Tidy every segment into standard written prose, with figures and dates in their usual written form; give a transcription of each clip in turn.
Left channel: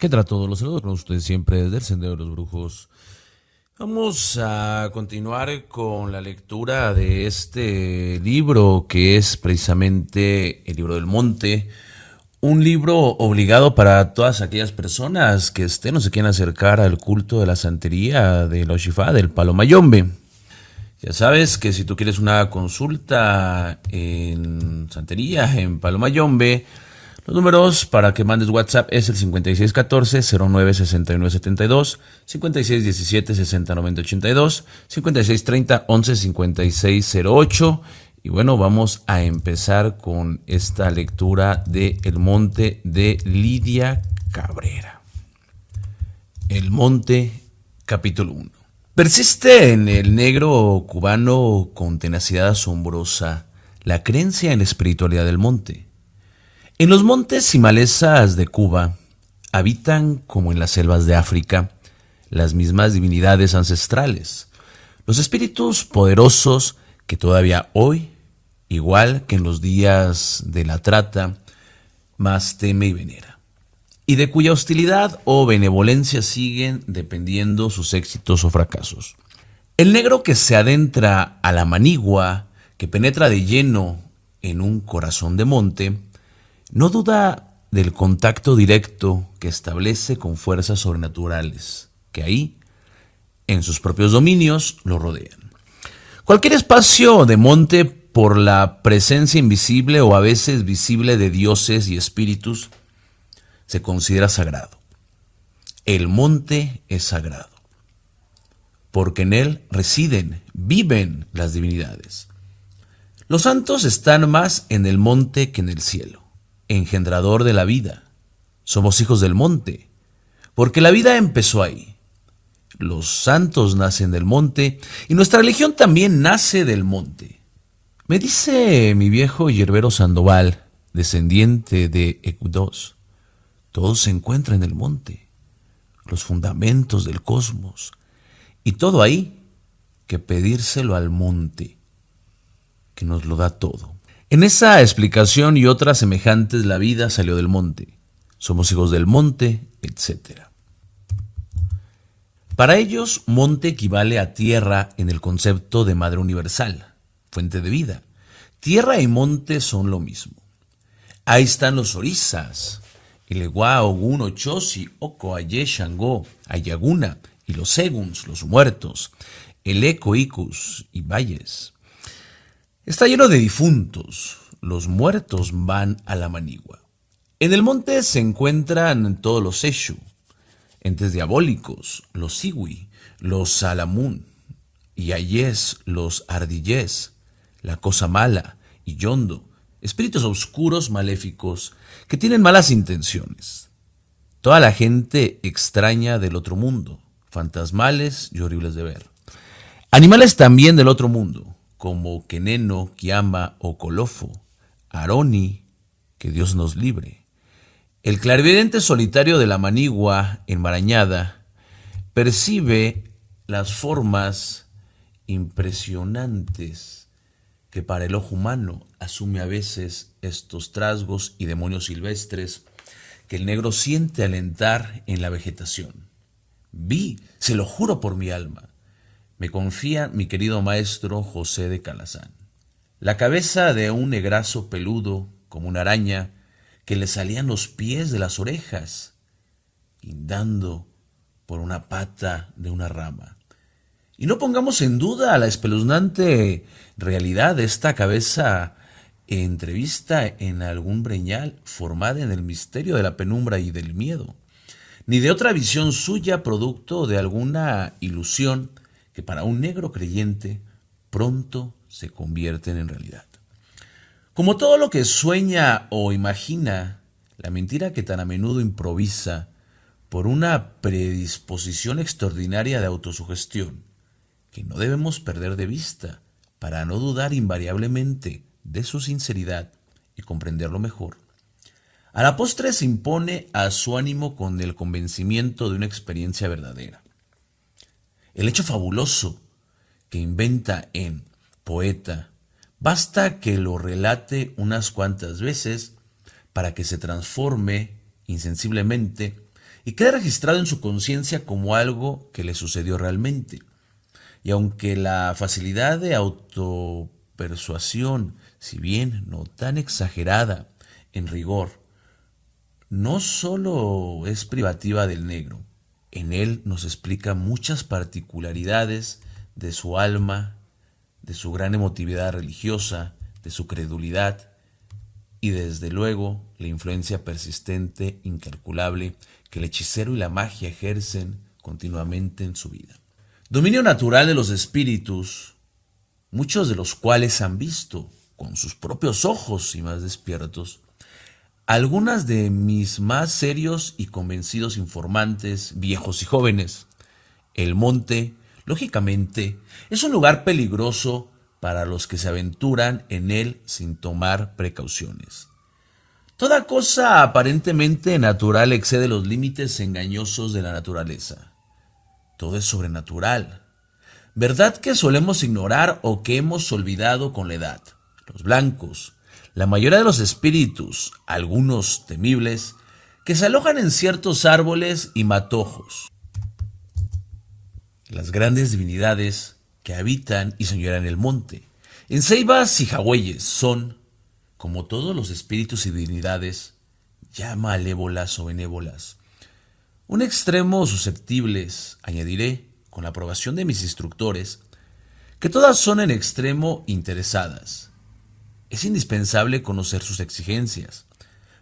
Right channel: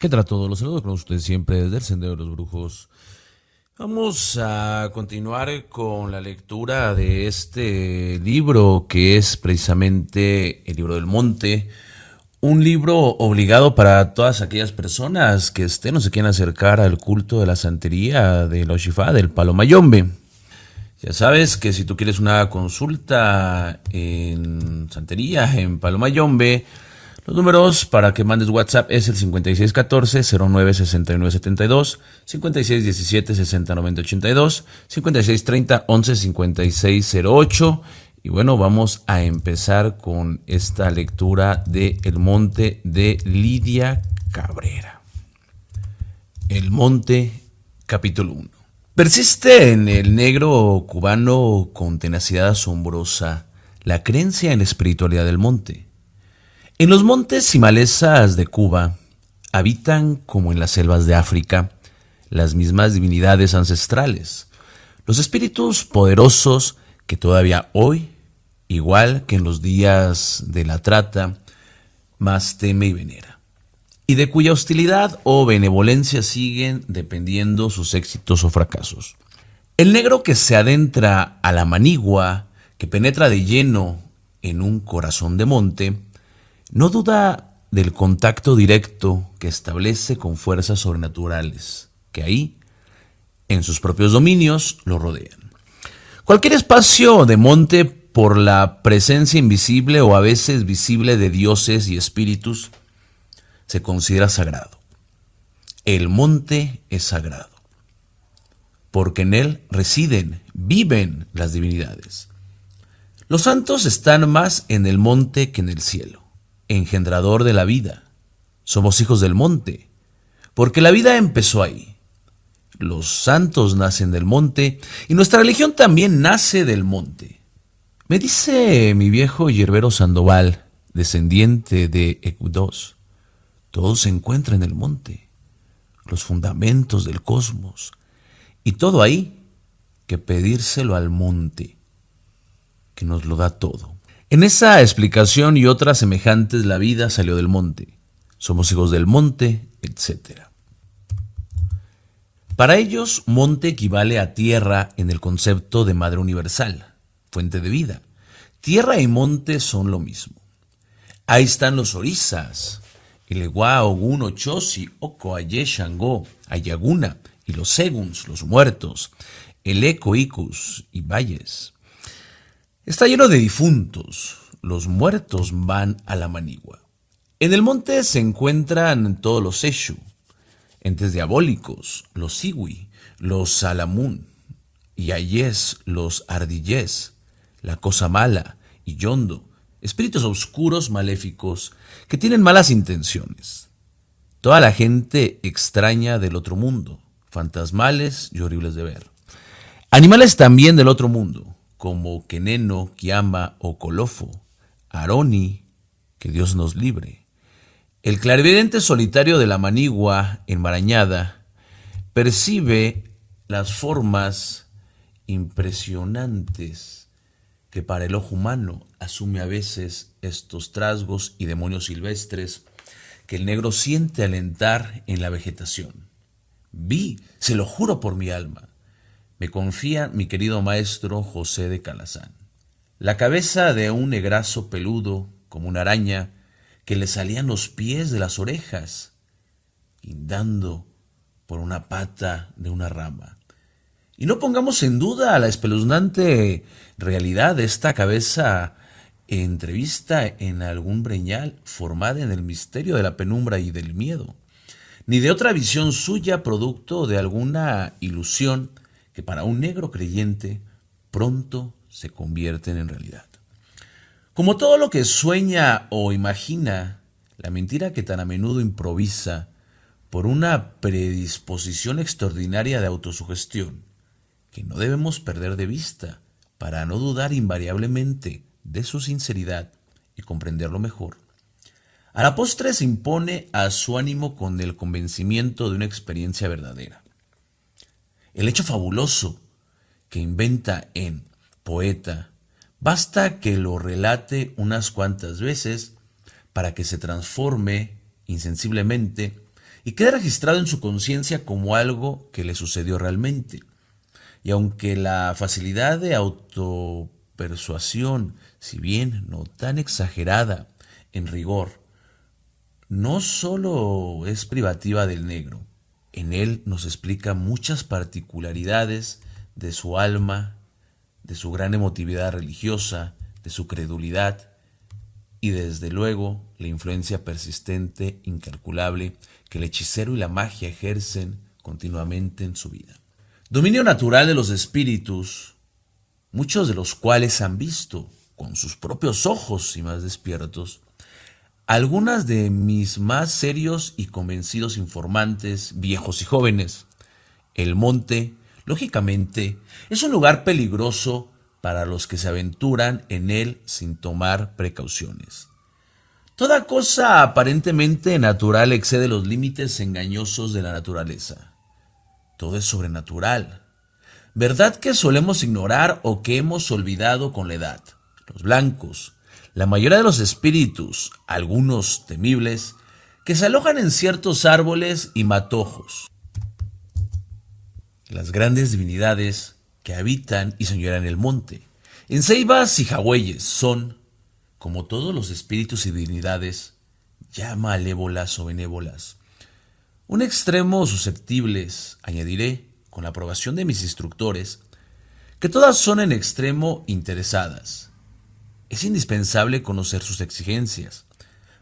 ¿Qué tal a todos los saludos? Ustedes siempre desde el Sendero de los Brujos. Vamos a continuar con la lectura de este libro que es precisamente el libro del monte. Un libro obligado para todas aquellas personas que estén o se quieran acercar al culto de la santería, de la Oshifá, del Palo Mayombe. Ya sabes que si tú quieres una consulta en santería, en Palo Mayombe, los números para que mandes WhatsApp es el 5614-096972, 5617-609082, 5630-115608. Y bueno, vamos a empezar con esta lectura de El Monte de Lidia Cabrera. El Monte, capítulo 1. Persiste en el negro cubano con tenacidad asombrosa la creencia en la espiritualidad del monte. En los montes y malezas de Cuba habitan, como en las selvas de África, las mismas divinidades ancestrales, los espíritus poderosos que todavía hoy, igual que en los días de la trata, más teme y venera, y de cuya hostilidad o benevolencia siguen dependiendo sus éxitos o fracasos. El negro que se adentra a la manigua, que penetra de lleno en un corazón de monte, no duda del contacto directo que establece con fuerzas sobrenaturales, que ahí, en sus propios dominios, lo rodean. Cualquier espacio de monte, por la presencia invisible o a veces visible de dioses y espíritus, se considera sagrado. El monte es sagrado, porque en él residen, viven las divinidades. Los santos están más en el monte que en el cielo, engendrador de la vida. Somos hijos del monte, porque la vida empezó ahí. Los santos nacen del monte y nuestra religión también nace del monte. Me dice mi viejo yerbero Sandoval, descendiente de Ecudos, todo se encuentra en el monte, los fundamentos del cosmos, y todo ahí que pedírselo al monte, que nos lo da todo. En esa explicación y otras semejantes, la vida salió del monte. Somos hijos del monte, etc. Para ellos, monte equivale a tierra en el concepto de madre universal, fuente de vida. Tierra y monte son lo mismo. Ahí están los orisas, el Ewa, Ogun, Ochosi, Oko, Aye, Shango, Ayaguna, y los Seguns, los muertos, el Eco, Icus y Valles. Está lleno de difuntos. Los muertos van a la manigua. En el monte se encuentran todos los Eshu, entes diabólicos, los Siwi, los Salamun, y Ayes, los Ardillés, la cosa mala, y Yondo, espíritus oscuros maléficos que tienen malas intenciones. Toda la gente extraña del otro mundo, fantasmales y horribles de ver. Animales también del otro mundo, como Keneno, Kiama o Colofo, Aroni, que Dios nos libre. El clarividente solitario de la manigua enmarañada percibe las formas impresionantes que para el ojo humano asume a veces estos trasgos y demonios silvestres que el negro siente al entrar en la vegetación. Vi, se lo juro por mi alma, me confía mi querido maestro José de Calazán. La cabeza de un negrazo peludo, como una araña, que le salían los pies de las orejas, guindando por una pata de una rama. Y no pongamos en duda la espeluznante realidad de esta cabeza entrevista en algún breñal formada en el misterio de la penumbra y del miedo, ni de otra visión suya producto de alguna ilusión que para un negro creyente pronto se convierten en realidad. Como todo lo que sueña o imagina, la mentira que tan a menudo improvisa por una predisposición extraordinaria de autosugestión, que no debemos perder de vista para no dudar invariablemente de su sinceridad y comprenderlo mejor. A la postre se impone a su ánimo con el convencimiento de una experiencia verdadera. El hecho fabuloso que inventa en poeta, basta que lo relate unas cuantas veces para que se transforme insensiblemente y quede registrado en su conciencia como algo que le sucedió realmente. Y aunque la facilidad de autopersuasión, si bien no tan exagerada en rigor, no solo es privativa del negro, en él nos explica muchas particularidades de su alma, de su gran emotividad religiosa, de su credulidad y desde luego la influencia persistente, incalculable, que el hechicero y la magia ejercen continuamente en su vida. Dominio natural de los espíritus, muchos de los cuales han visto con sus propios ojos y más despiertos algunas de mis más serios y convencidos informantes, viejos y jóvenes. El monte, lógicamente, es un lugar peligroso para los que se aventuran en él sin tomar precauciones. Toda cosa aparentemente natural excede los límites engañosos de la naturaleza. Todo es sobrenatural. ¿Verdad que solemos ignorar o que hemos olvidado con la edad? Los blancos, la mayoría de los espíritus, algunos temibles, que se alojan en ciertos árboles y matojos. Las grandes divinidades que habitan y señorean el monte. En ceibas y jagüeyes son, como todos los espíritus y divinidades, ya malévolas o benévolas. Un extremo susceptibles, añadiré, con la aprobación de mis instructores, que todas son en extremo interesadas. Es indispensable conocer sus exigencias,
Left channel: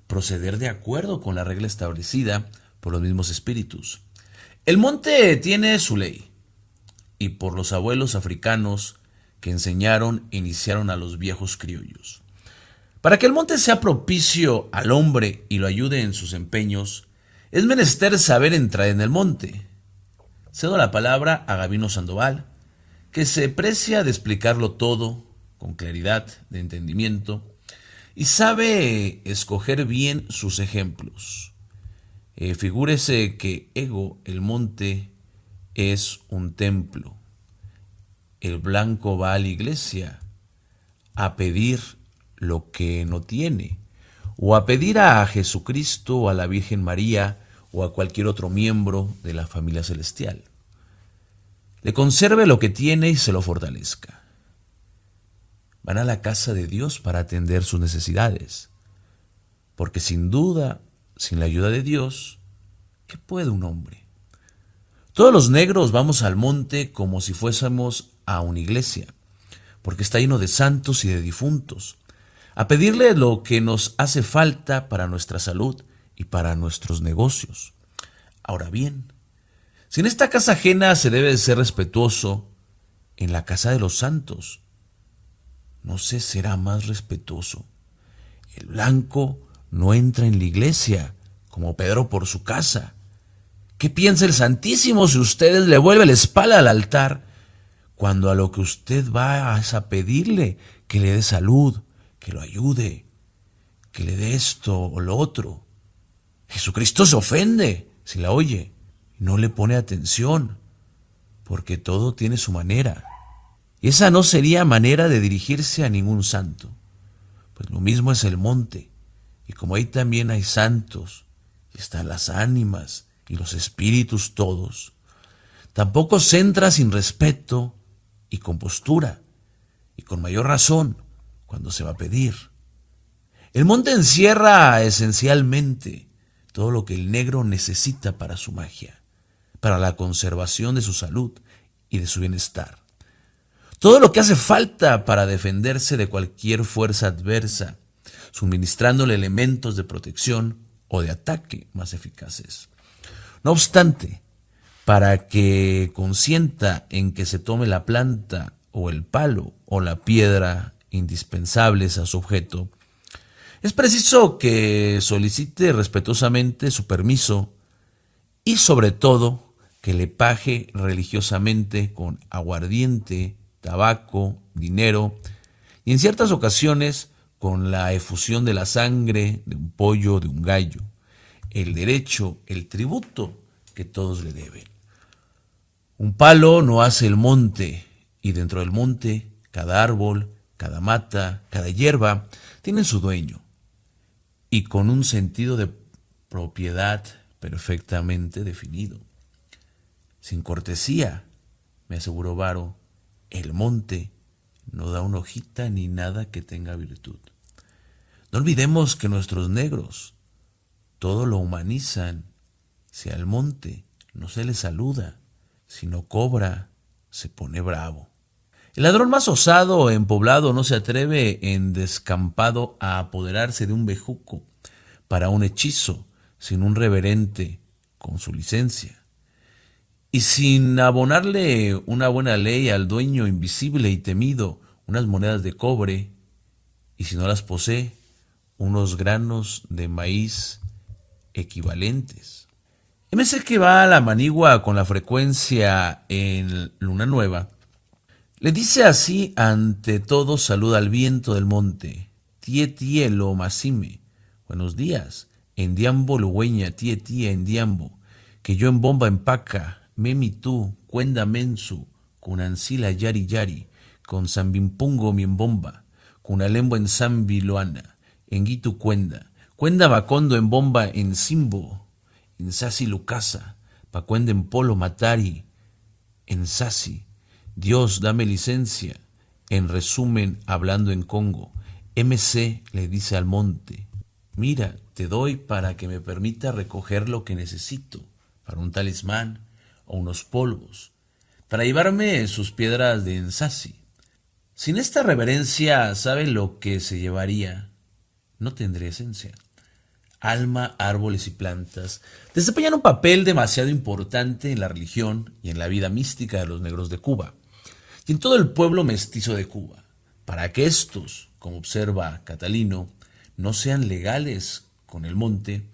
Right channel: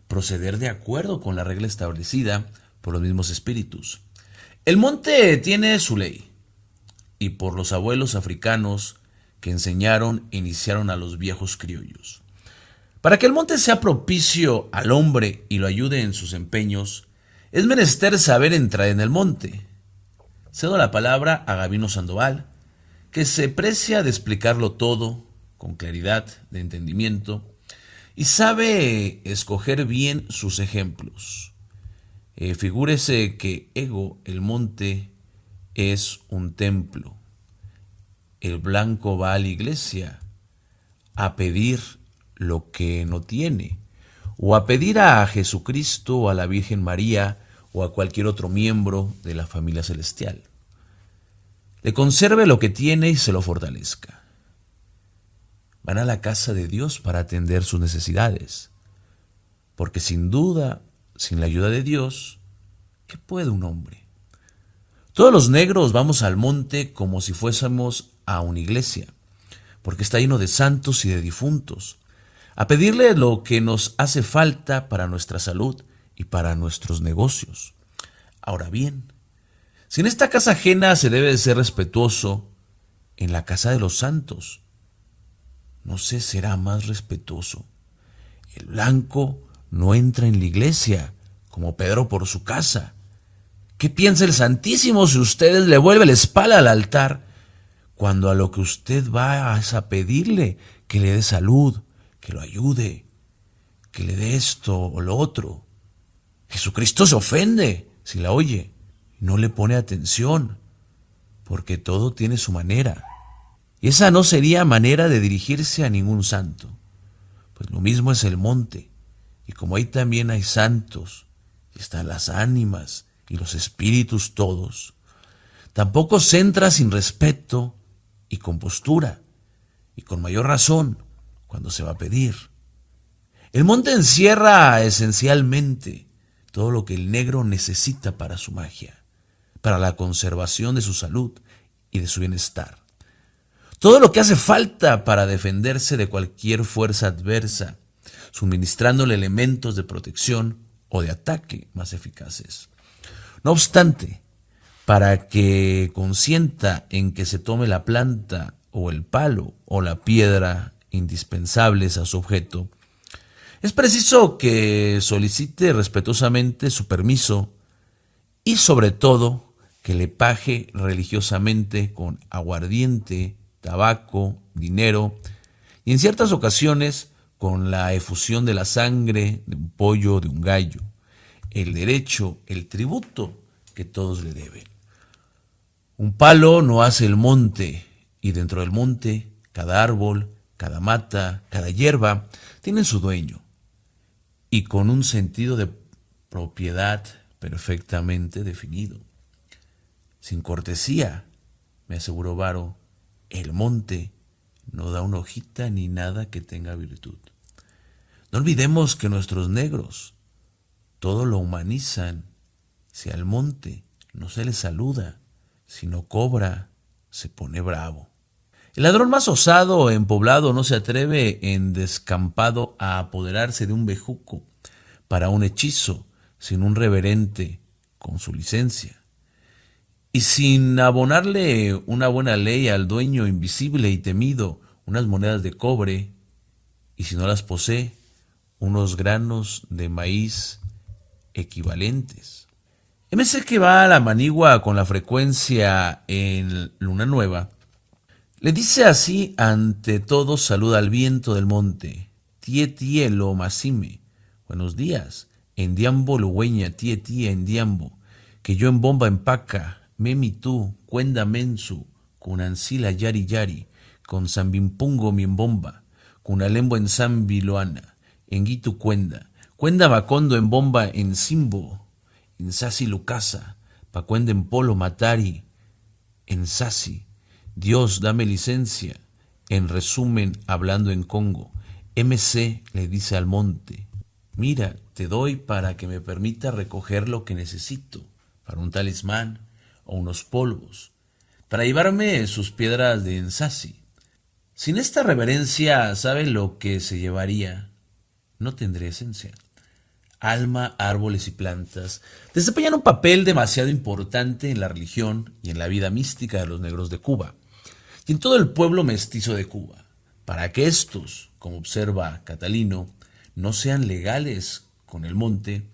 proceder de acuerdo con la regla establecida por los mismos espíritus. El monte tiene su ley, y por los abuelos africanos que enseñaron e iniciaron a los viejos criollos. Para que el monte sea propicio al hombre y lo ayude en sus empeños, es menester saber entrar en el monte. Cedo la palabra a Gabino Sandoval, que se precia de explicarlo todo con claridad de entendimiento y sabe escoger bien sus ejemplos. Figúrese que Ego, el monte, es un templo. El blanco va a la iglesia a pedir lo que no tiene, o a pedir a Jesucristo o a la Virgen María o a cualquier otro miembro de la familia celestial. Le conserve lo que tiene y se lo fortalezca. Van a la casa de Dios para atender sus necesidades, porque sin duda, sin la ayuda de Dios, ¿qué puede un hombre? Todos los negros vamos al monte como si fuésemos a una iglesia, porque está lleno de santos y de difuntos, a pedirle lo que nos hace falta para nuestra salud y para nuestros negocios. Ahora bien, si en esta casa ajena se debe ser respetuoso, en la casa de los santos, no se será más respetuoso. El blanco no entra en la iglesia, como Pedro por su casa. ¿Qué piensa el Santísimo si usted le vuelve la espalda al altar, cuando a lo que usted va es a pedirle que le dé salud, que lo ayude, que le dé esto o lo otro? Jesucristo se ofende si la oye, no le pone atención, porque todo tiene su manera. Y esa no sería manera de dirigirse a ningún santo. Pues lo mismo es el monte, y como ahí también hay santos, y están las ánimas y los espíritus todos, tampoco se entra sin respeto y con postura, y con mayor razón cuando se va a pedir. El monte encierra esencialmente todo lo que el negro necesita para su magia, para la conservación de su salud y de su bienestar. Todo lo que hace falta para defenderse de cualquier fuerza adversa, suministrándole elementos de protección o de ataque más eficaces. No obstante, para que consienta en que se tome la planta o el palo o la piedra indispensables a su objeto, es preciso que solicite respetuosamente su permiso y sobre todo que le pague religiosamente con aguardiente, tabaco, dinero y en ciertas ocasiones con la efusión de la sangre de un pollo o de un gallo, el derecho, el tributo que todos le deben. Un palo no hace el monte, y dentro del monte, cada árbol, cada mata, cada hierba, tiene su dueño, y con un sentido de propiedad perfectamente definido. Sin cortesía, me aseguró Varo, el monte no da una hojita ni nada que tenga virtud. No olvidemos que nuestros negros todo lo humanizan. Si al monte no se le saluda, si no cobra, se pone bravo. El ladrón más osado en poblado no se atreve en descampado a apoderarse de un bejuco para un hechizo sin un reverente con su licencia. Y sin abonarle una buena ley al dueño invisible y temido, unas monedas de cobre, y si no las posee, unos granos de maíz equivalentes. MC que va a la manigua con la frecuencia en luna nueva, le dice así ante todo saluda al viento del monte. Tie lo masime. Buenos días. En diambo lugüeña, tie en diambo. Que yo en bomba empaca. Memi tú, cuenda mensu. Con ancila yari yari. Con zambimpungo mi en bomba. Con alembo en zambiloana. En guitu cuenda. Cuenda bacondo en bomba en simbo. En sasi lucasa. Pa cuenda en polo matari. En sasi. Dios, dame licencia. En resumen, hablando en Congo, MC le dice al monte, mira, te doy para que me permita recoger lo que necesito, para un talismán o unos polvos, para llevarme sus piedras de ensasi. Sin esta reverencia, ¿sabe lo que se llevaría? No tendré esencia. Alma, árboles y plantas desempeñan un papel demasiado importante en la religión y en la vida mística de los negros de Cuba y en todo el pueblo mestizo de Cuba, para que estos, como observa Catalino, no sean legales con el monte,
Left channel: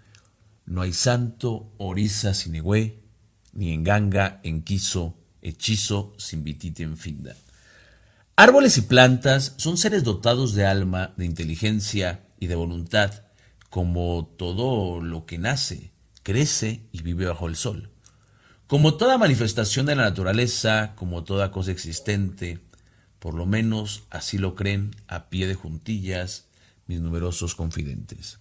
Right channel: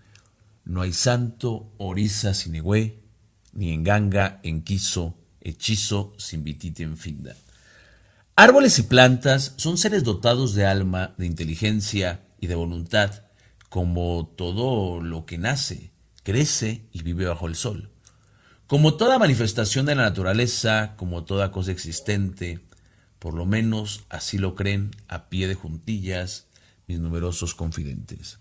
no hay santo, oriza sin egüé, ni enganga, enquizo, hechizo sin vitite en finda. Árboles y plantas son seres dotados de alma, de inteligencia y de voluntad, como todo lo que nace, crece y vive bajo el sol. Como toda manifestación de la naturaleza, como toda cosa existente, por lo menos así lo creen a pie de juntillas mis numerosos confidentes.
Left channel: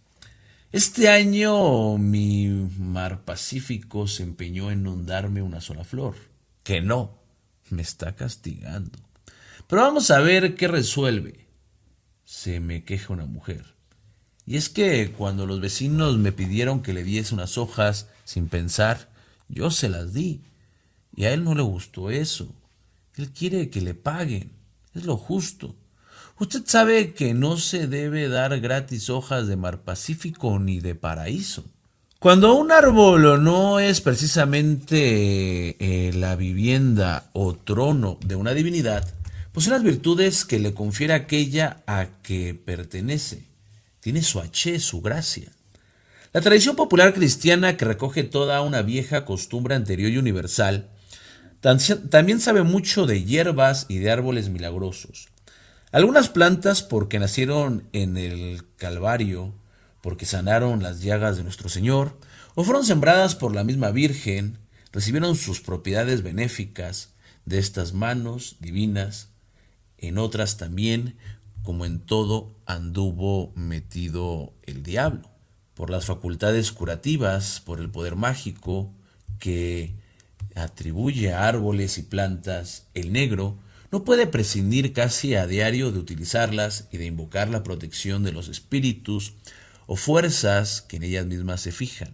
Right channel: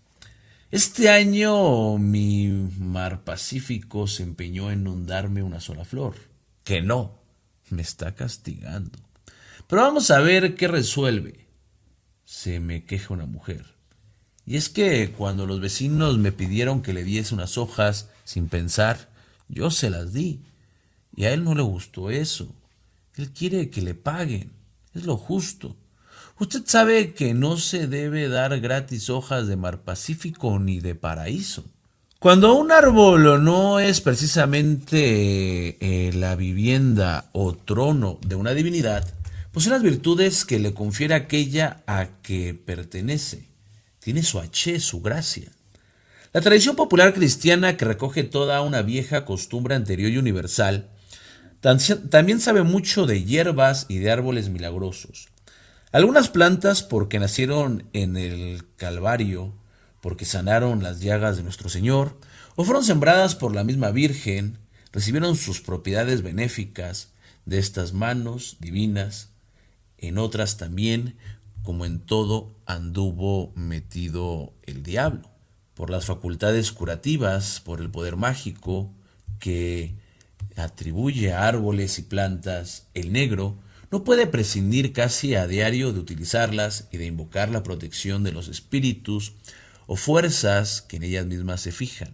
Este año mi mar Pacífico se empeñó en no darme una sola flor, que no, me está castigando. Pero vamos a ver qué resuelve. Se me queja una mujer. Y es que cuando los vecinos me pidieron que le diese unas hojas sin pensar, yo se las di. Y a él no le gustó eso. Él quiere que le paguen. Es lo justo. Usted sabe que no se debe dar gratis hojas de mar Pacífico ni de paraíso. Cuando un árbol no es precisamente la vivienda o trono de una divinidad, posee las virtudes que le confiere aquella a que pertenece. Tiene su H, su gracia. La tradición popular cristiana, que recoge toda una vieja costumbre anterior y universal, también sabe mucho de hierbas y de árboles milagrosos. Algunas plantas porque nacieron en el Calvario, porque sanaron las llagas de nuestro Señor, o fueron sembradas por la misma Virgen, recibieron sus propiedades benéficas de estas manos divinas. En otras también, como en todo, anduvo metido el diablo, por las facultades curativas, por el poder mágico que atribuye a árboles y plantas. El negro no puede prescindir casi a diario de utilizarlas y de invocar la protección de los espíritus o fuerzas que en ellas mismas se fijan.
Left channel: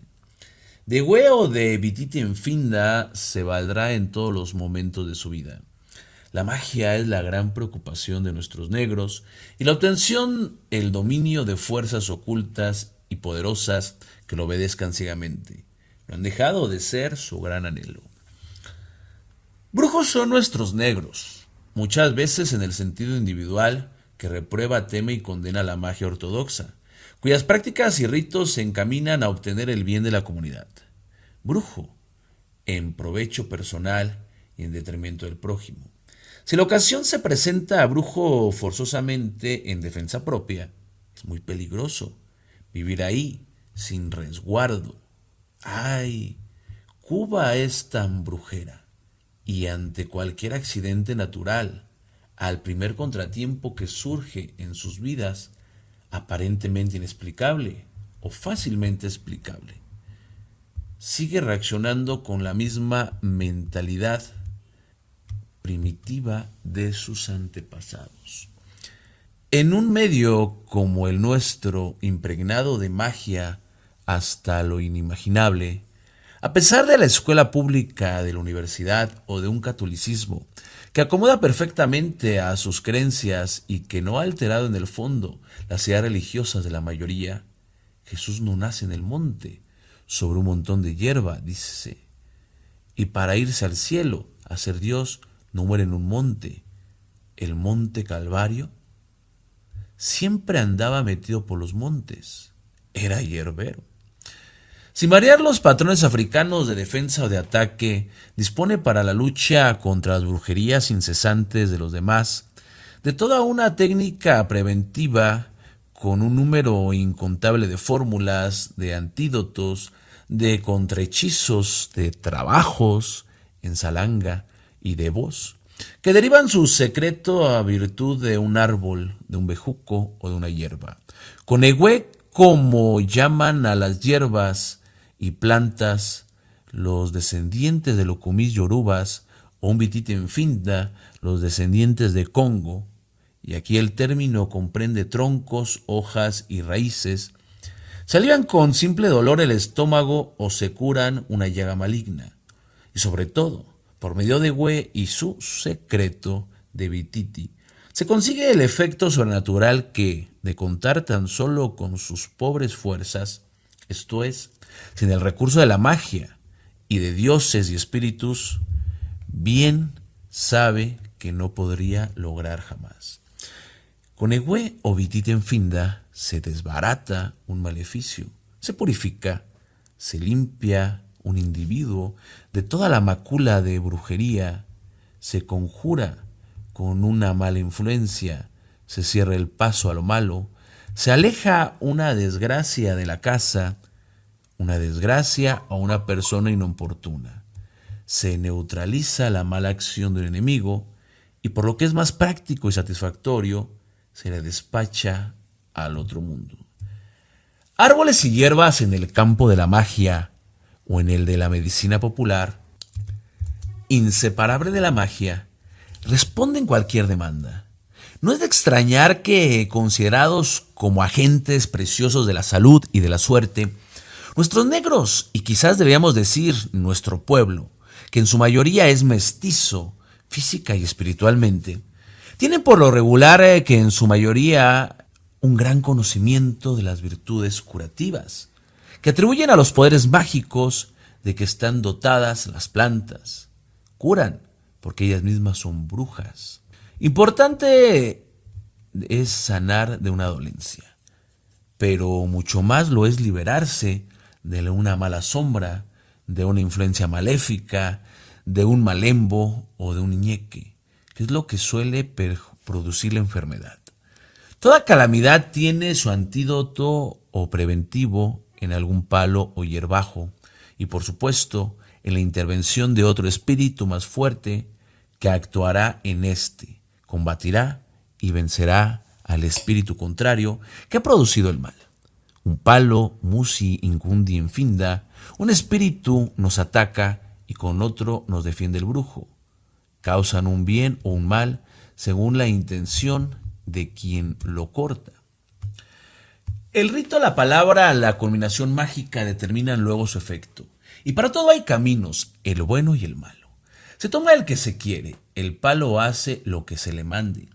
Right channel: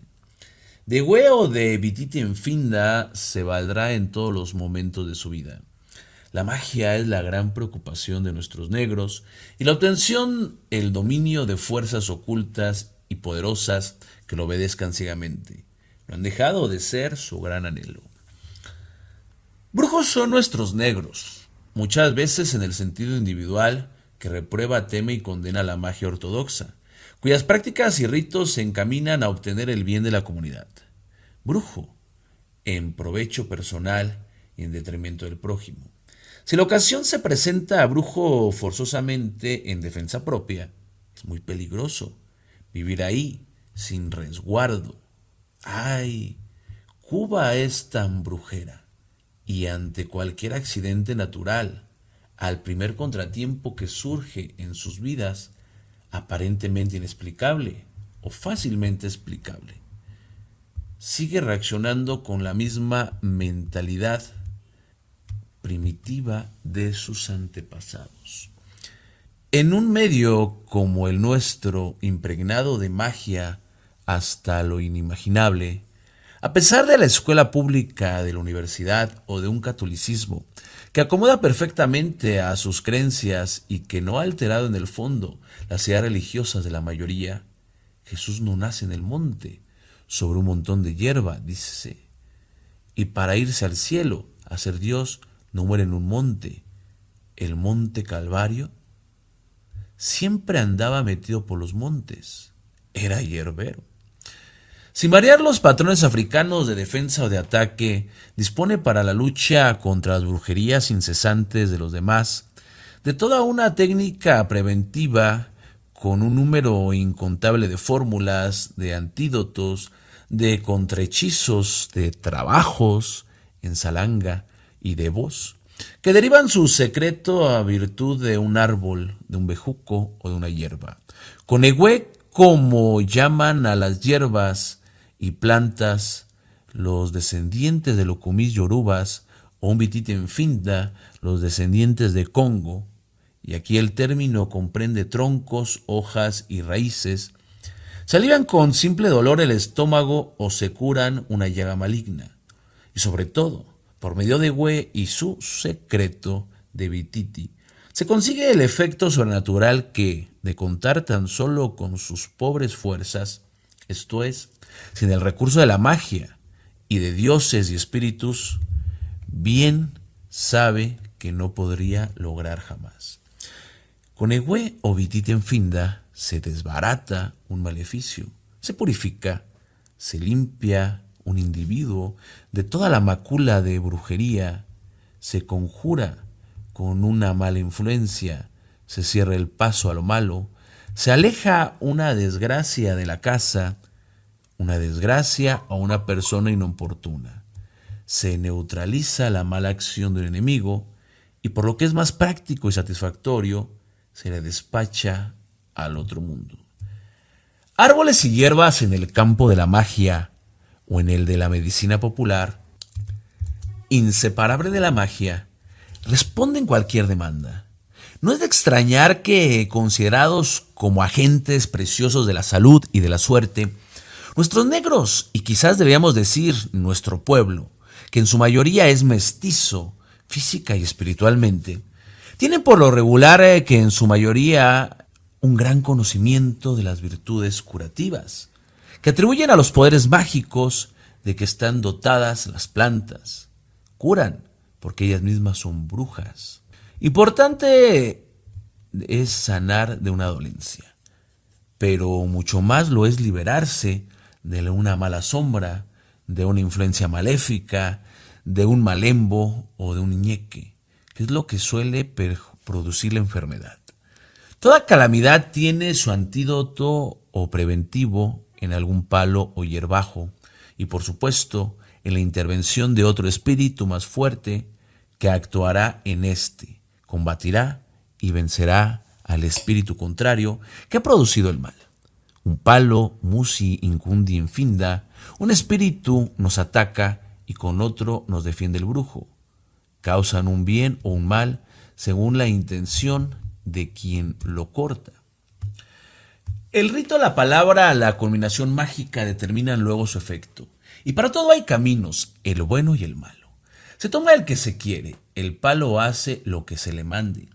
De hueo de vitite en finda se valdrá en todos los momentos de su vida. La magia es la gran preocupación de nuestros negros y la obtención, el dominio de fuerzas ocultas y poderosas que lo obedezcan ciegamente. No han dejado de ser su gran anhelo. Brujos son nuestros negros, muchas veces en el sentido individual que reprueba, teme y condena la magia ortodoxa, cuyas prácticas y ritos se encaminan a obtener el bien de la comunidad. Brujo, en provecho personal y en detrimento del prójimo. Si la ocasión se presenta a brujo forzosamente en defensa propia, es muy peligroso vivir ahí sin resguardo. ¡Ay! Cuba es tan brujera. Y ante cualquier accidente natural, al primer contratiempo que surge en sus vidas, aparentemente inexplicable o fácilmente explicable, sigue reaccionando con la misma mentalidad primitiva de sus antepasados. En un medio como el nuestro, impregnado de magia hasta lo inimaginable, a pesar de la escuela pública, de la universidad o de un catolicismo que acomoda perfectamente a sus creencias y que no ha alterado en el fondo las ideas religiosas de la mayoría, Jesús no nace en el monte, sobre un montón de hierba, dícese. Y para irse al cielo, a ser Dios, no muere en un monte. El monte Calvario siempre andaba metido por los montes. Era hierbero. Sin variar los patrones africanos de defensa o de ataque, dispone para la lucha contra las brujerías incesantes de los demás de toda una técnica preventiva con un número incontable de fórmulas, de antídotos, de contrahechizos, de trabajos en salanga y de voz, que derivan su secreto a virtud de un árbol, de un bejuco o de una hierba. Conegüe, como llaman a las hierbas y plantas los descendientes de Locumis yorubas, o Ombitite Finda, los descendientes de Congo, y aquí el término comprende troncos, hojas y raíces, se alivian con simple dolor el estómago o se curan una llaga maligna. Y sobre todo, por medio de Hue y su secreto de Bititi, se consigue el efecto sobrenatural que, de contar tan solo con sus pobres fuerzas, esto es, sin el recurso de la magia y de dioses y espíritus, bien sabe que no podría lograr jamás. Con Hue o Bititi en Finda se desbarata un maleficio, se purifica, se limpia un individuo de toda la mácula de brujería, se conjura con una mala influencia, se cierra el paso a lo malo, se aleja una desgracia de la casa, una desgracia o una persona inoportuna, se neutraliza la mala acción del enemigo y por lo que es más práctico y satisfactorio, se la despacha al otro mundo. Árboles y hierbas en el campo de la magia o en el de la medicina popular, inseparable de la magia, responden cualquier demanda. No es de extrañar que, considerados como agentes preciosos de la salud y de la suerte, nuestros negros, y quizás deberíamos decir nuestro pueblo, que en su mayoría es mestizo, física y espiritualmente, tienen por lo regular que en su mayoría un gran conocimiento de las virtudes curativas, que atribuyen a los poderes mágicos de que están dotadas las plantas. Curan, porque ellas mismas son brujas. Importante es sanar de una dolencia, pero mucho más lo es liberarse de una mala sombra, de una influencia maléfica, de un malembo o de un ñeque, que es lo que suele producir la enfermedad. Toda calamidad tiene su antídoto o preventivo en algún palo o hierbajo, y por supuesto en la intervención de otro espíritu más fuerte que actuará en este, combatirá y vencerá al espíritu contrario que ha producido el mal. Un palo, musi, incundi, enfinda, un espíritu nos ataca y con otro nos defiende el brujo. Causan un bien o un mal según la intención de quien lo corta. El rito a la palabra, la culminación mágica determinan luego su efecto. Y para todo hay caminos, el bueno y el malo. Se toma el que se quiere, el palo hace lo que se le mande.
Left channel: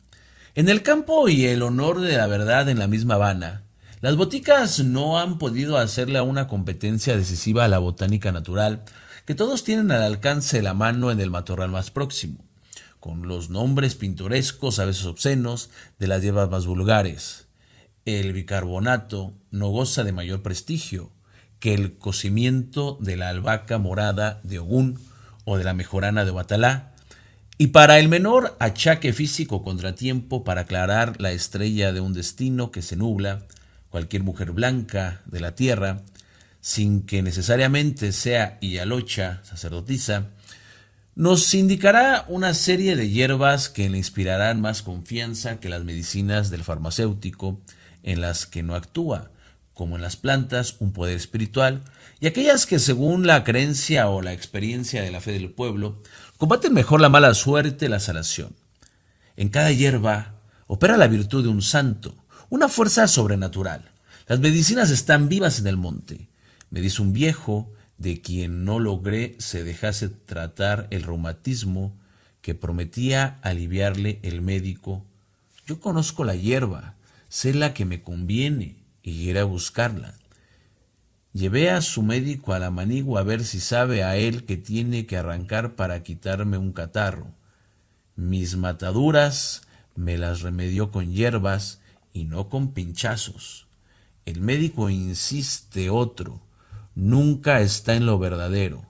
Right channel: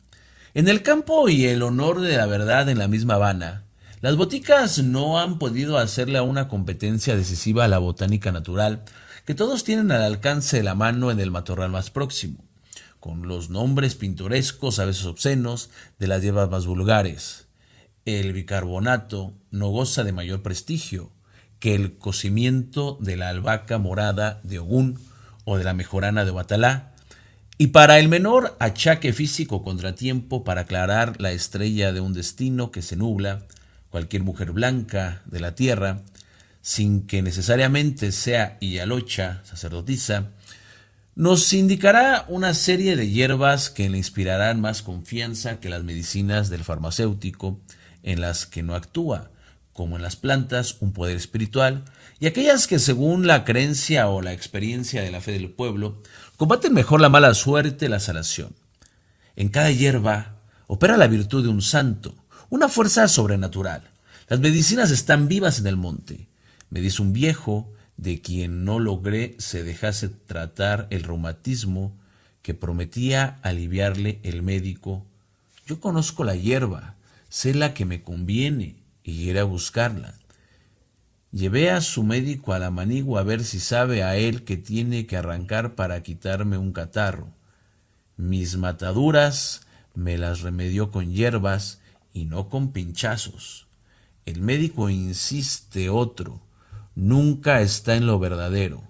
En el campo y el honor de la verdad en la misma Habana, las boticas no han podido hacerle una competencia decisiva a la botánica natural, que todos tienen al alcance de la mano en el matorral más próximo, con los nombres pintorescos, a veces obscenos, de las hierbas más vulgares. El bicarbonato no goza de mayor prestigio que el cocimiento de la albahaca morada de Ogún o de la mejorana de Batalá, y para el menor achaque físico contratiempo para aclarar la estrella de un destino que se nubla, cualquier mujer blanca de la tierra, sin que necesariamente sea Iyalocha, sacerdotisa, nos indicará una serie de hierbas que le inspirarán más confianza que las medicinas del farmacéutico, en las que no actúa, como en las plantas, un poder espiritual, y aquellas que según la creencia o la experiencia de la fe del pueblo, combaten mejor la mala suerte, la sanación. En cada hierba opera la virtud de un santo, una fuerza sobrenatural. Las medicinas están vivas en el monte. Me dice un viejo, de quien no logré se dejase tratar el reumatismo que prometía aliviarle el médico. Yo conozco la hierba, sé la que me conviene y iré a buscarla. Llevé a su médico a la manigua a ver si sabe a él que tiene que arrancar para quitarme un catarro. Mis mataduras me las remedió con hierbas y no con pinchazos. El médico insiste otro, nunca está en lo verdadero.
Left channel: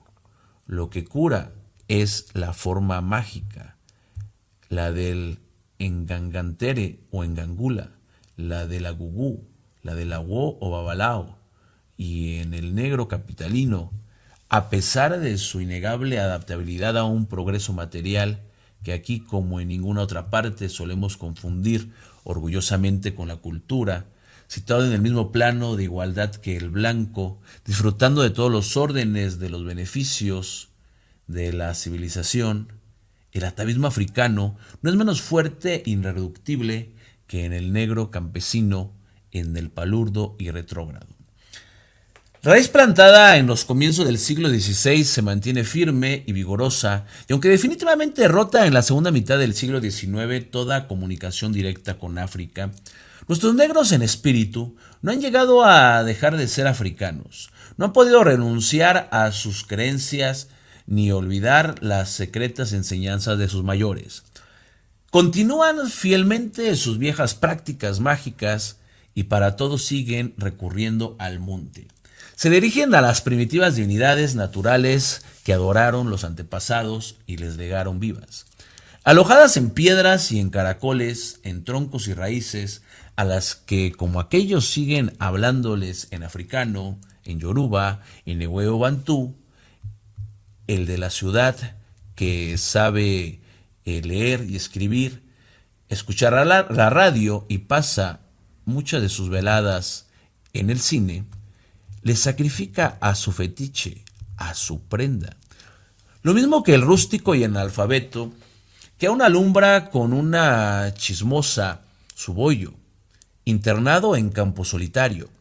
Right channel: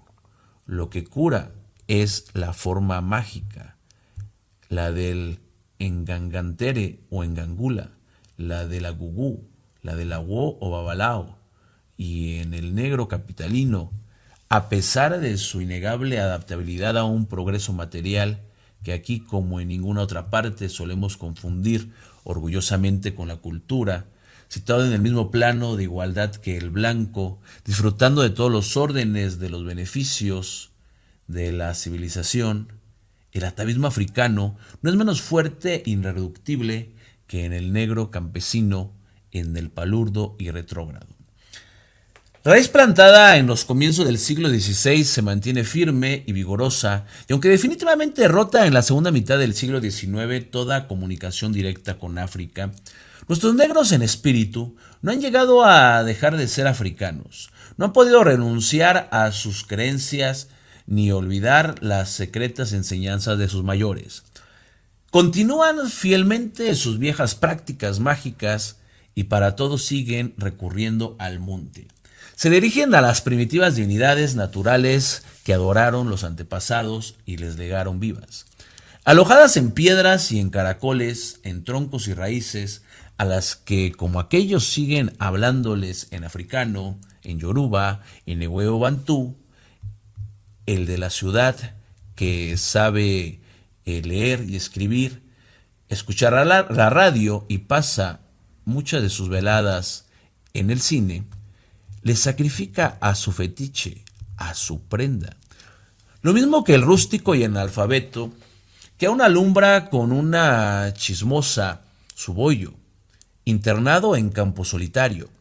Lo que cura es la forma mágica, la del engangantere o engangula, la de la gugú, la de la wo o babalao, y en el negro capitalino, a pesar de su innegable adaptabilidad a un progreso material, que aquí como en ninguna otra parte solemos confundir orgullosamente con la cultura, situado en el mismo plano de igualdad que el blanco, disfrutando de todos los órdenes, de los beneficios de la civilización, el atavismo africano no es menos fuerte e irreductible que en el negro campesino, en el palurdo y retrógrado. Raíz plantada en los comienzos del siglo XVI se mantiene firme y vigorosa, y aunque definitivamente rota en la segunda mitad del siglo XIX toda comunicación directa con África, nuestros negros en espíritu no han llegado a dejar de ser africanos, no han podido renunciar a sus creencias ni olvidar las secretas enseñanzas de sus mayores. Continúan fielmente sus viejas prácticas mágicas y para todo siguen recurriendo al monte. Se dirigen a las primitivas divinidades naturales que adoraron los antepasados y les legaron vivas. Alojadas en piedras y en caracoles, en troncos y raíces, a las que como aquellos siguen hablándoles en africano, en yoruba, en ewe bantú, el de la ciudad que sabe leer y escribir, escuchará la radio y pasa muchas de sus veladas en el cine, le sacrifica a su fetiche, a su prenda. Lo mismo que el rústico y analfabeto, que aún alumbra con una chismosa su bollo, internado en campo solitario.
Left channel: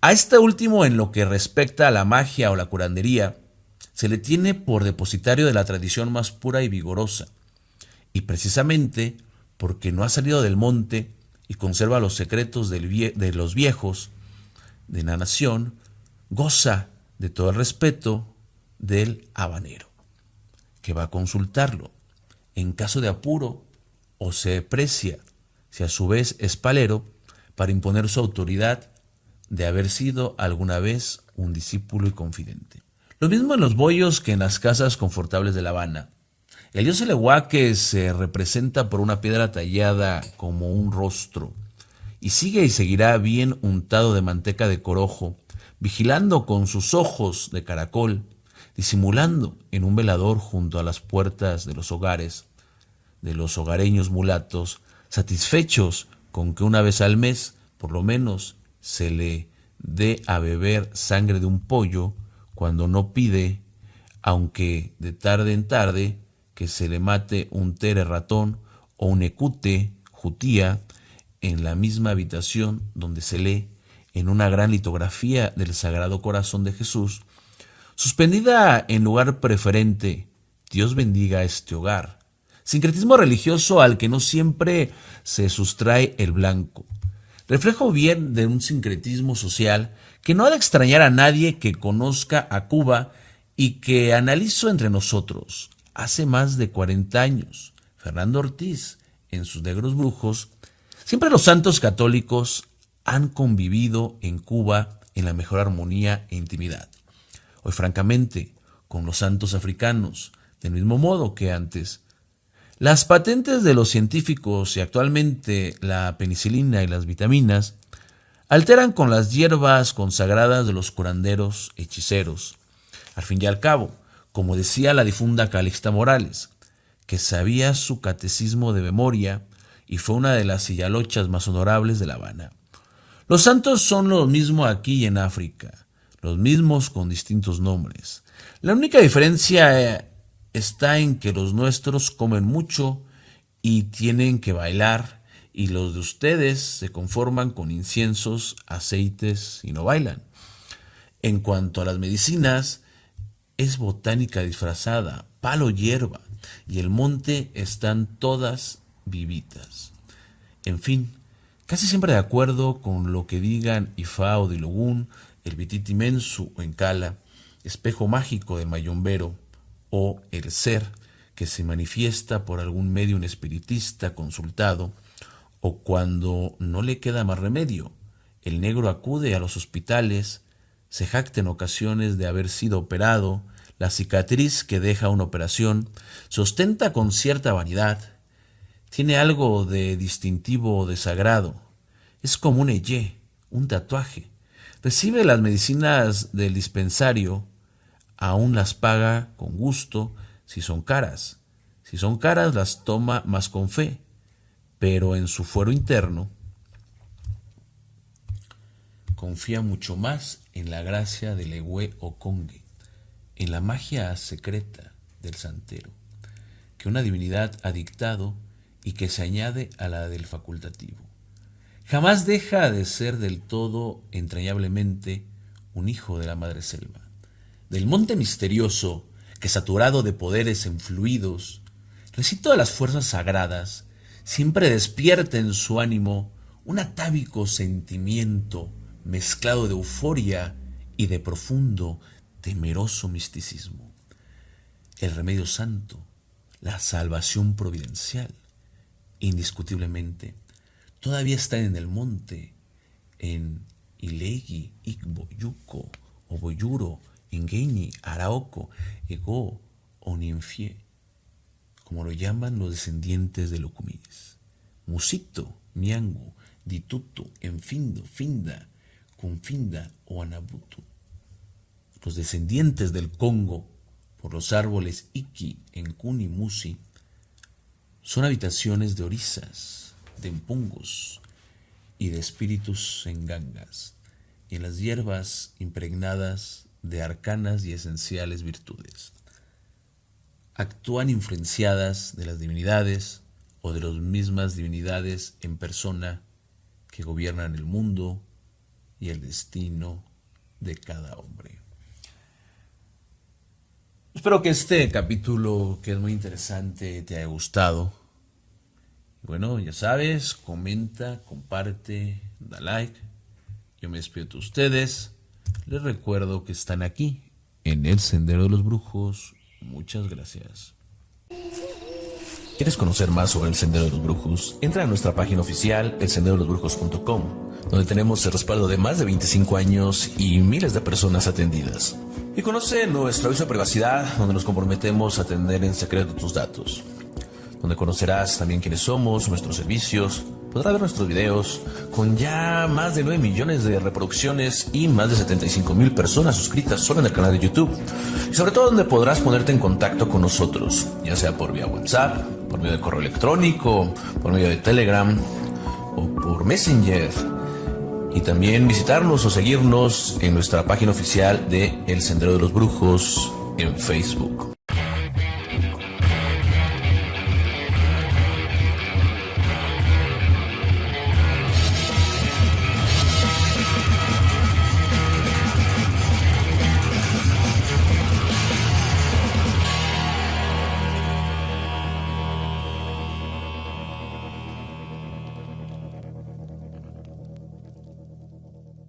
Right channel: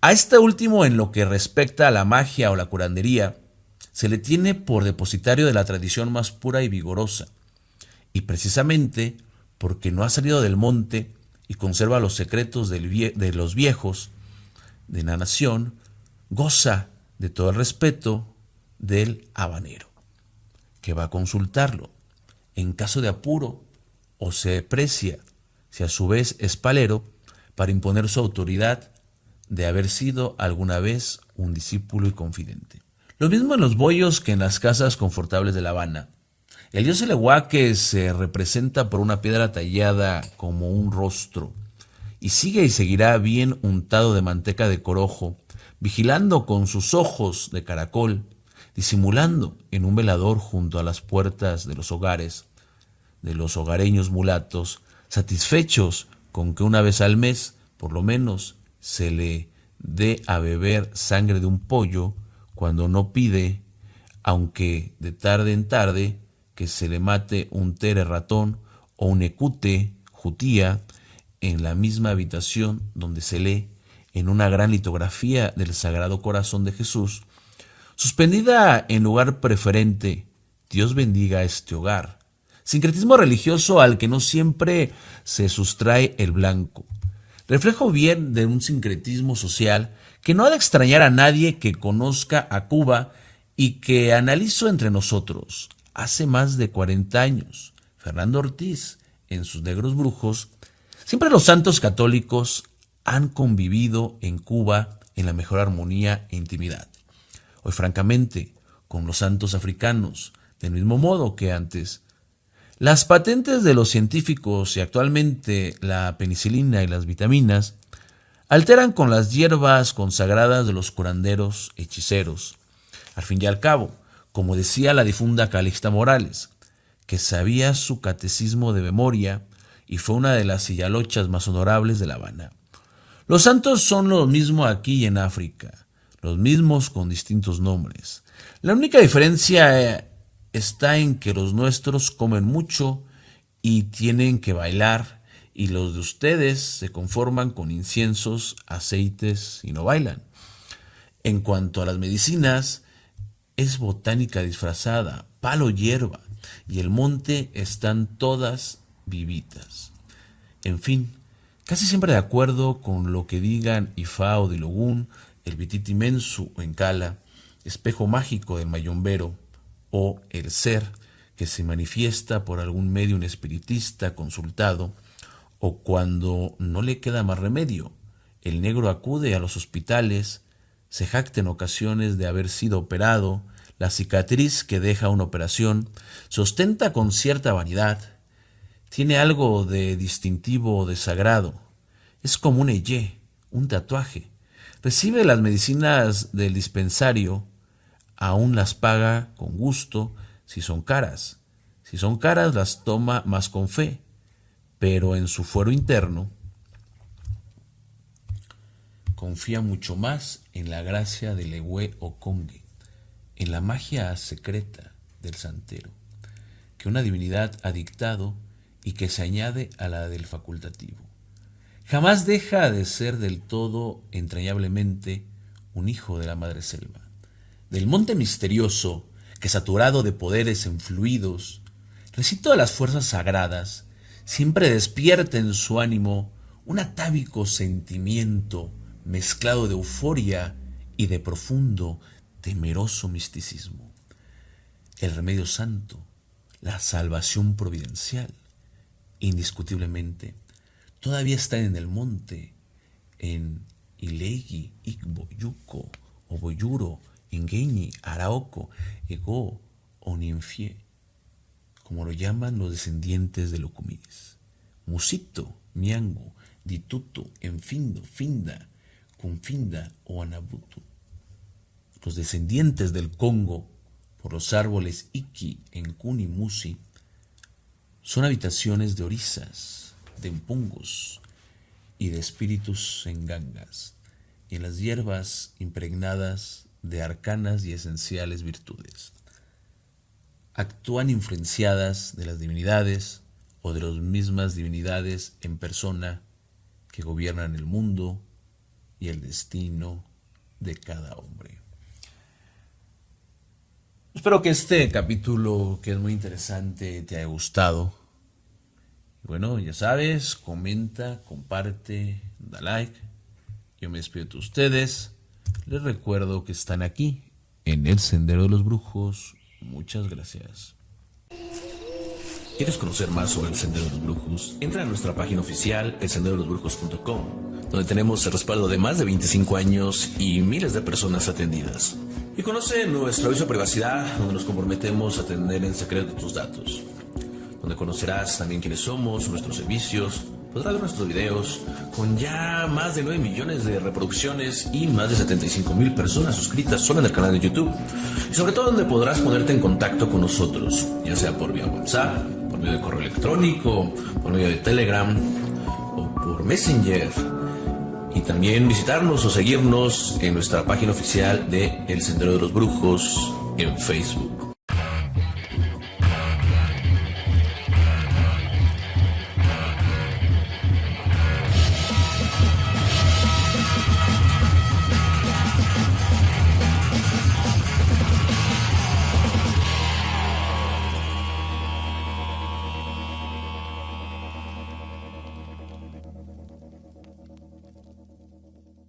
A este último, en lo que respecta a la magia o la curandería, se le tiene por depositario de la tradición más pura y vigorosa, y precisamente porque no ha salido del monte y conserva los secretos de los viejos de la nación, goza de todo el respeto del habanero, que va a consultarlo en caso de apuro o se deprecia, si a su vez es palero, para imponer su autoridad de haber sido alguna vez un discípulo y confidente. Lo mismo en los bollos que en las casas confortables de La Habana. El dios Elehuaque se representa por una piedra tallada como un rostro, y sigue y seguirá bien untado de manteca de corojo, vigilando con sus ojos de caracol, disimulando en un velador junto a las puertas de los hogares, de los hogareños mulatos, satisfechos con que una vez al mes, por lo menos, se le dé a beber sangre de un pollo, cuando no pide, aunque de tarde en tarde, que se le mate un tere ratón o un ecute jutía en la misma habitación donde se lee en una gran litografía del Sagrado Corazón de Jesús, suspendida en lugar preferente, Dios bendiga este hogar. Sincretismo religioso al que no siempre se sustrae el blanco. Reflejo bien de un sincretismo social que no ha de extrañar a nadie que conozca a Cuba y que analizo entre nosotros. Hace más de 40 años, Fernando Ortiz, en sus Negros Brujos, siempre los santos católicos han convivido en Cuba en la mejor armonía e intimidad. Hoy, francamente, con los santos africanos, del mismo modo que antes. Las patentes de los científicos y actualmente la penicilina y las vitaminas alteran con las hierbas consagradas de los curanderos hechiceros. Al fin y al cabo, como decía la difunda Calixta Morales, que sabía su catecismo de memoria y fue una de las sillalochas más honorables de La Habana. Los santos son lo mismo aquí y en África. los mismos con distintos nombres. La única diferencia está en que los nuestros comen mucho y tienen que bailar, y los de ustedes se conforman con inciensos, aceites y no bailan. En cuanto a las medicinas, es botánica disfrazada, palo hierba, y el monte están todas vivitas. En fin, casi siempre de acuerdo con lo que digan Ifá o Dilogún, el Bititi Mensu o Encala, espejo mágico de Mayombero, o el ser que se manifiesta por algún medium espiritista consultado, o cuando no le queda más remedio, el negro acude a los hospitales, se jacta en ocasiones de haber sido operado, la cicatriz que deja una operación se ostenta con cierta vanidad, tiene algo de distintivo o de sagrado, es como un eyé, un tatuaje, recibe las medicinas del dispensario, aún las paga con gusto si son caras las toma más con fe, pero en su fuero interno confía mucho más en la gracia del Ewe o Congue, en la magia secreta del santero, que una divinidad ha dictado y que se añade a la del facultativo. Jamás deja de ser del todo entrañablemente un hijo de la madre selva, del monte misterioso que, saturado de poderes enfluidos, recita las fuerzas sagradas, siempre despierta en su ánimo un atávico sentimiento mezclado de euforia y de profundo, temeroso misticismo. El remedio santo, la salvación providencial, indiscutiblemente, todavía está en el monte, en Ilegui, Igbo, Yuco, Oboyuro, Ingeni, Araoco, Ego o Ninfie, como lo llaman los descendientes de Locumis. Musito, Miangu, Ditutu, Enfindo, Finda, Confinda o Anabutu. Los descendientes del Congo, por los árboles Iki, Enkuni, Musi, son habitaciones de orisas, de empungos y de espíritus en gangas, y en las hierbas impregnadas de arcanas y esenciales virtudes. Actúan influenciadas de las divinidades o de las mismas divinidades en persona que gobiernan el mundo y el destino de cada hombre. Espero que este capítulo, que es muy interesante, te haya gustado. Bueno, ya sabes, comenta, comparte, da like. Yo me despido de ustedes. Les recuerdo que están aquí, en el Sendero de los Brujos. Muchas gracias. ¿Quieres conocer más sobre el Sendero de los Brujos? Entra a nuestra página oficial, elsenderolosbrujos.com, donde tenemos el respaldo de más de 25 años y miles de personas atendidas. Y conoce nuestro aviso de privacidad, donde nos comprometemos a atender en secreto tus datos, donde conocerás también quiénes somos, nuestros servicios. Podrás ver nuestros videos con ya más de 9 millones de reproducciones y más de 75,000 personas suscritas solo en el canal de YouTube. Y sobre todo donde podrás ponerte en contacto con nosotros, ya sea por vía WhatsApp, por medio de correo electrónico, por medio de Telegram o por Messenger. Y también visitarnos o seguirnos en nuestra página oficial de El Sendero de los Brujos en Facebook.